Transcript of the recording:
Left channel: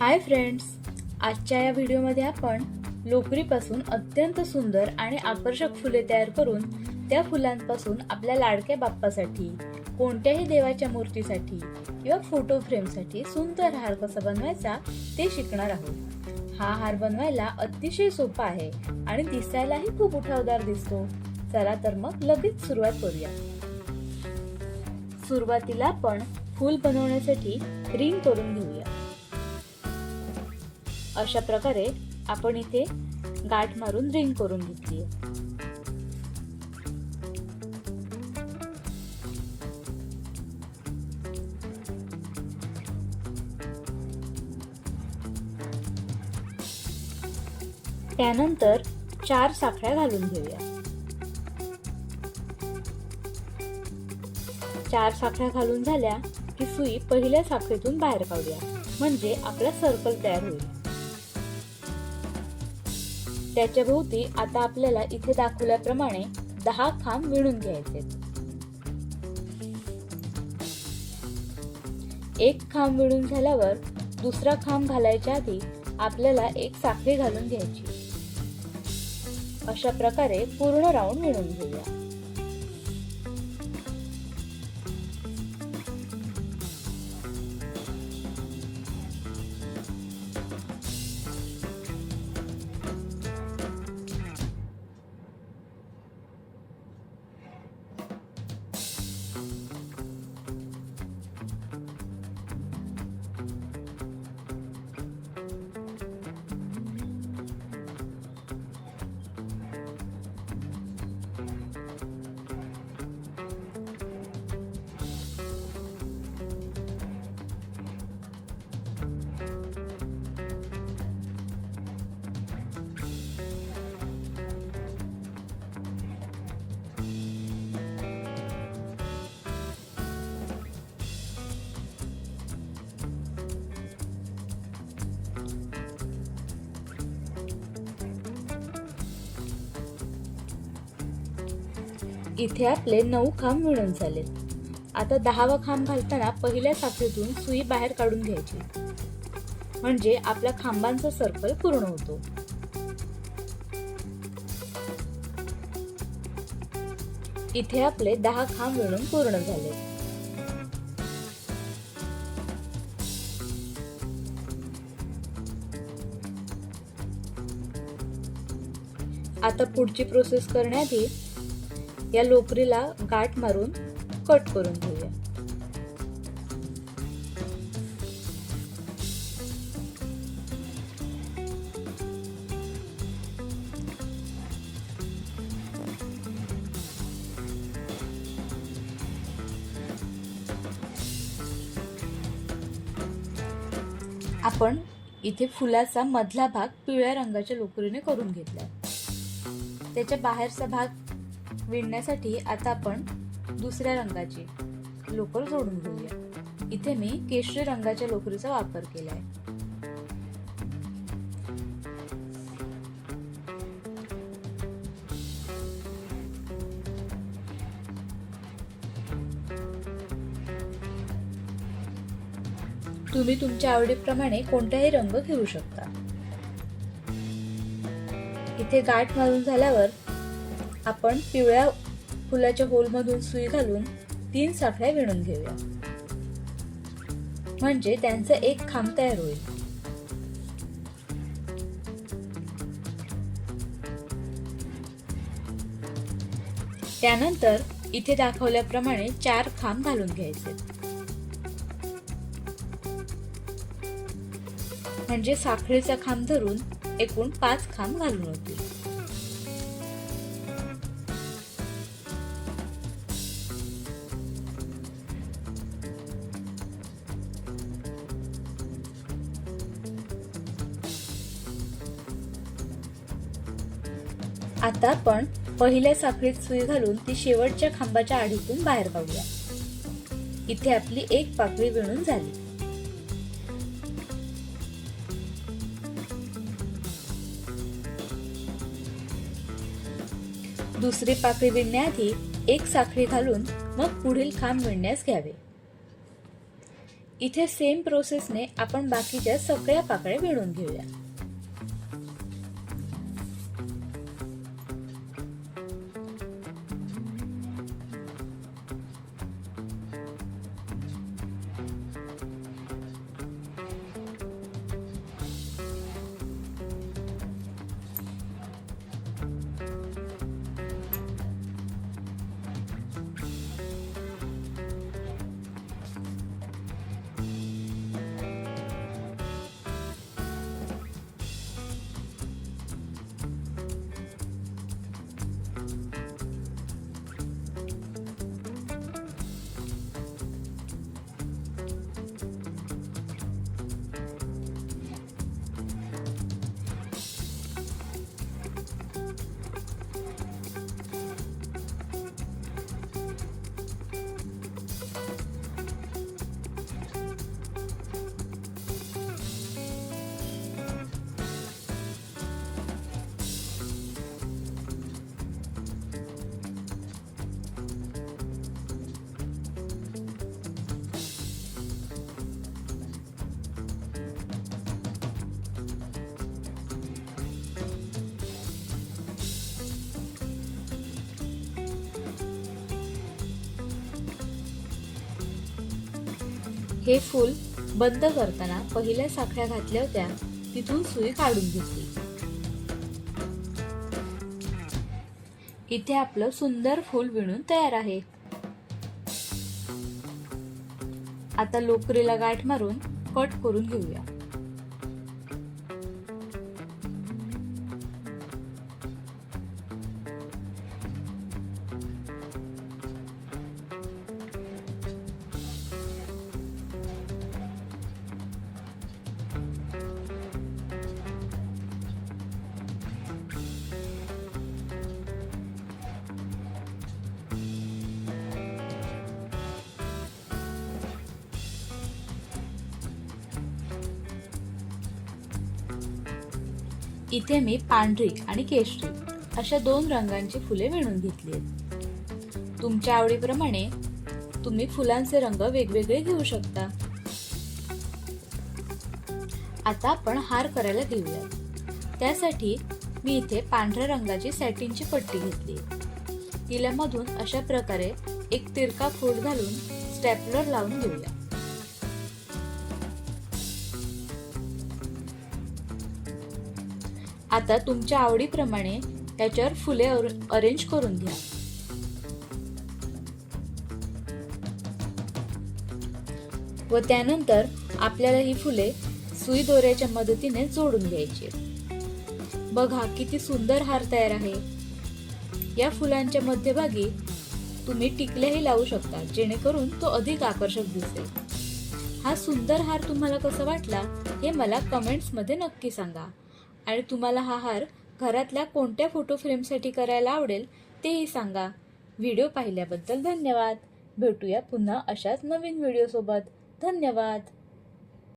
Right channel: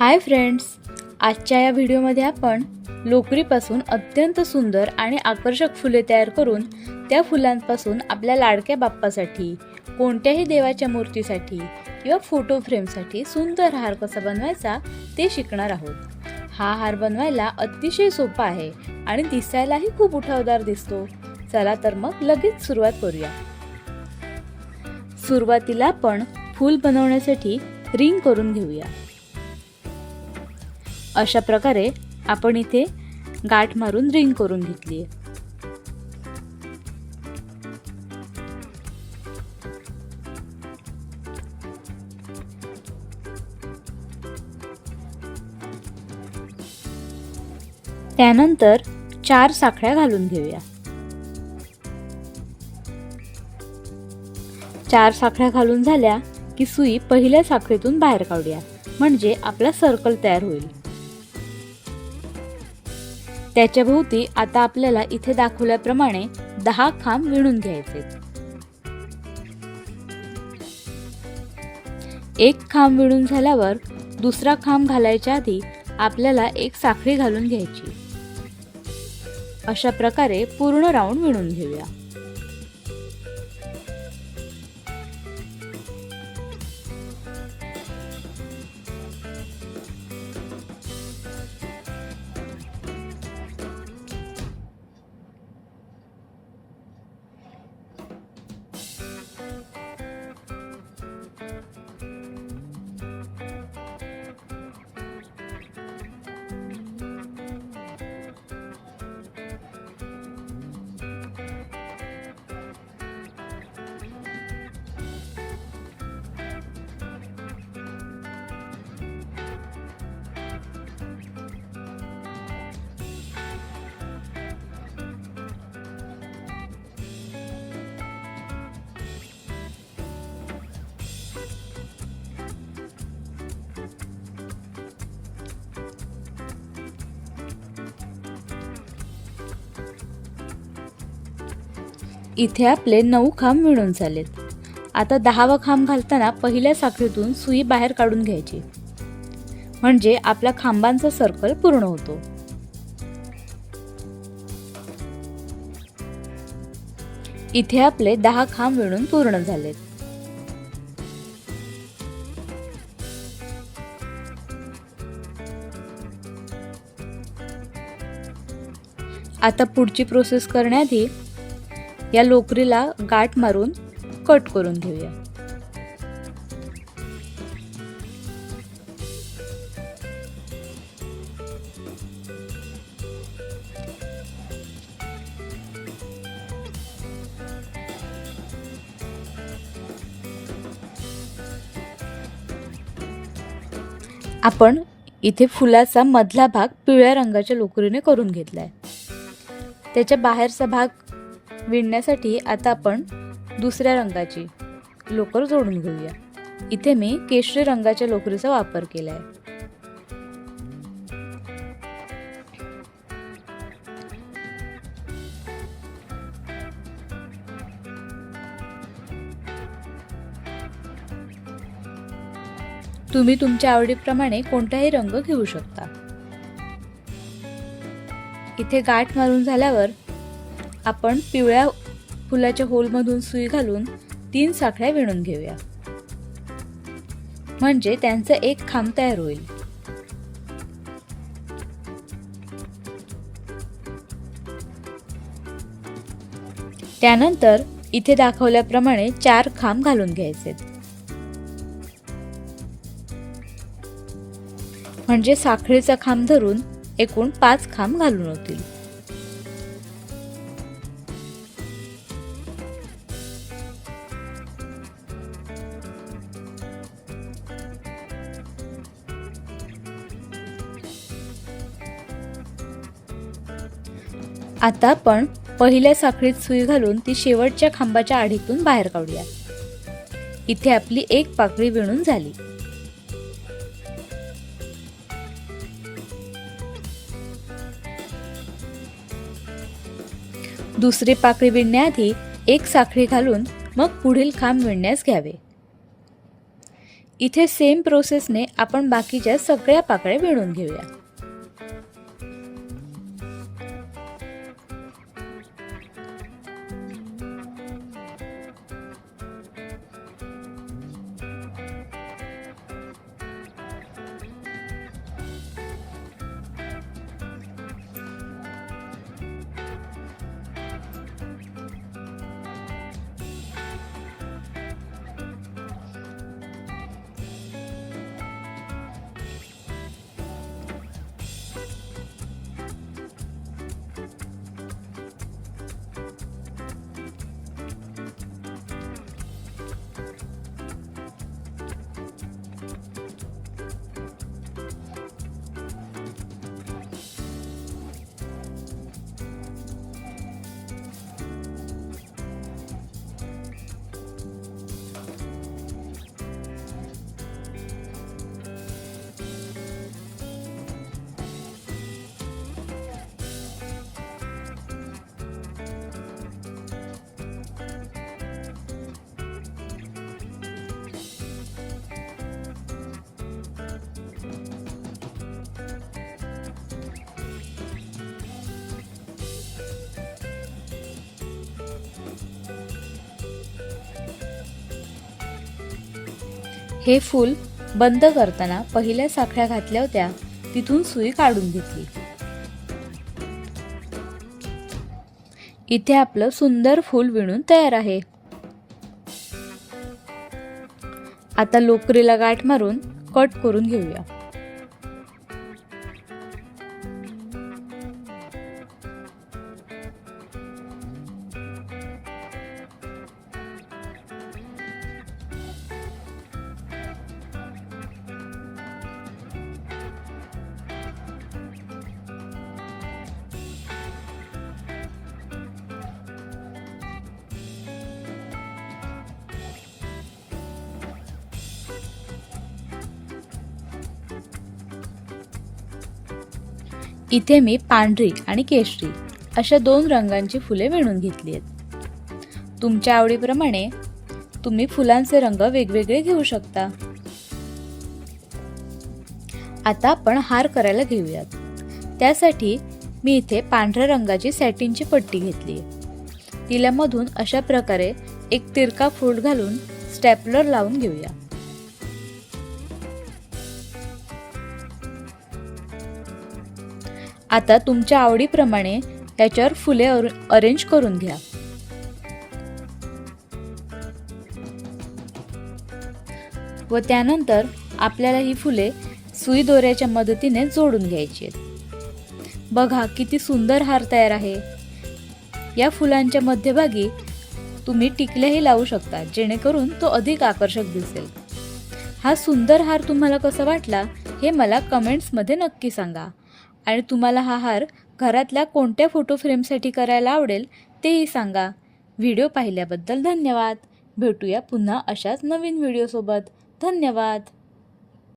Hi friends, आजच्या या व्हिडिओमध्ये आपण लोकरीपासून अत्यंत सुंदर आणि आकर्षक फुले तयार करून त्या फुलांपासून आपल्या लाडक्या बाप्पासाठी, कोणत्याही देवाच्या मूर्तीसाठी किंवा फोटो फ्रेमसाठी सुंदर हार कसा बनवायचा ते शिकणार आहोत। हा हार बनवायला अतिशय सोपा आहे आणि दिसायलाही खूप उठावदार दिसतो। चला तर मग लगेच सुरुवात करूया। सुरुवातीला आपण फूल बनवण्यासाठी रिंग करून घेऊया। अशा प्रकारे आपण इथे गाठ मारून रिंग करून घेतली आहे। त्यानंतर 4 साखळ्या घालून घेऊया। 4 साखळ्या घालून झाल्या की सुई पहिल्या साखळीतून बाहेर काढूया, म्हणजे आपला सर्कल तयार होईल। त्याच्या भोवती आता आपल्याला इथे दाखवल्याप्रमाणे 10 खांब विणून घ्यायचे। एक खांब विणून झाल्यावर दुसरा खांब घालायच्या आधी आपल्याला एक साखळी घालून घ्यायची। अशा प्रकारे पूर्ण राऊंड विणून घेऊया। इथे आपले 9 खांब विणून झालेत। आता 10वा खांब घालताना पहिल्या साखळीतून सुई बाहेर काढून घ्यायची, म्हणजे आपल्या खांबांचा सर्कल पूर्ण होतो। इथे आपले 10 खांब विणून पूर्ण झालेत। आता पुढची प्रोसेस करण्याआधी या लोकरीला गाठ मारून कट करून घेऊया। आपण इथे फुलाचा मधला भाग पिवळ्या रंगाच्या लोकरीने करून घेतलाय। त्याच्या बाहेरचा भाग विणण्यासाठी आता आपण दुसऱ्या रंगाची लोकर जोडून घेऊया। इथे मी केशरी रंगाच्या लोकरीचा वापर केलाय। तुम्ही तुमच्या आवडीप्रमाणे कोणताही रंग घेऊ शकता। इथे गाठ मारून झाल्यावर आपण पिवळ्या फुलाच्या होलमधून सुई घालून 3 साखळ्या विणून घेऊया, म्हणजे त्यांचा एक खांब तयार होईल। त्यानंतर इथे दाखवल्याप्रमाणे 4 खांब घालून घ्यायचे, म्हणजे साखळीचा खांब धरून एकूण 5 खांब घालून होतील। आता आपण पहिल्या साखळीत सुई घालून ती शेवटच्या खांबाच्या आडीतून बाहेर काढूया। इथे आपली एक पाकळी विणून झाली। दुसरी पाकळी विणण्याआधी एक साखळी घालून मग पुढील खांब विणण्यास घ्यावे। इथे सेम प्रोसेसने आपण बाकीच्या सगळ्या पाकळ्या विणून घेऊया। हे फूल बंद करताना पहिल्या साखळ्या घातल्या होत्या तिथून सुई काढून घेतली। इथे आपलं सुंदर फूल विणून तयार आहे। आता लोकरीला गाठ मारून कट करून घेऊया। इथे मी पांढरी आणि केशरी अशा 2 रंगांची फुले विणून घेतली आहेत। तुमच्या आवडीप्रमाणे तुम्ही फुलांचे रंग वेगवेगळे घेऊ शकता। आता आपण हार करायला घेऊयात। त्यासाठी मी इथे पांढऱ्या रंगाची सॅटिनची पट्टी घेतली। तिला मधून अशा प्रकारे एक तिरका फोल्ड घालून स्टॅपलर लावून घेऊया। आता तुमच्या आवडीप्रमाणे त्याच्यावर फुले अरेंज करून घ्या। व त्यानंतर आपल्याला ही फुले सुई दोऱ्याच्या मदतीने जोडून घ्यायची आहेत। बघा किती सुंदर हार तयार आहे। या फुलांच्या मध्यभागी तुम्ही टिकल्याही लावू शकता, जेणेकरून तो अधिक आकर्षक दिसेल। हा सुंदर हार तुम्हाला कसा वाटला हे मला कमेंट्समध्ये नक्की सांगा। आणि तुम्हाला हा हार घरातल्या कोणत्या फोटो फ्रेमसाठी करायला आवडेल तेही सांगा। व्हिडिओ पाहिल्याबद्दल धन्यवाद। भेटूया पुन्हा अशाच नवीन व्हिडिओसोबत। धन्यवाद।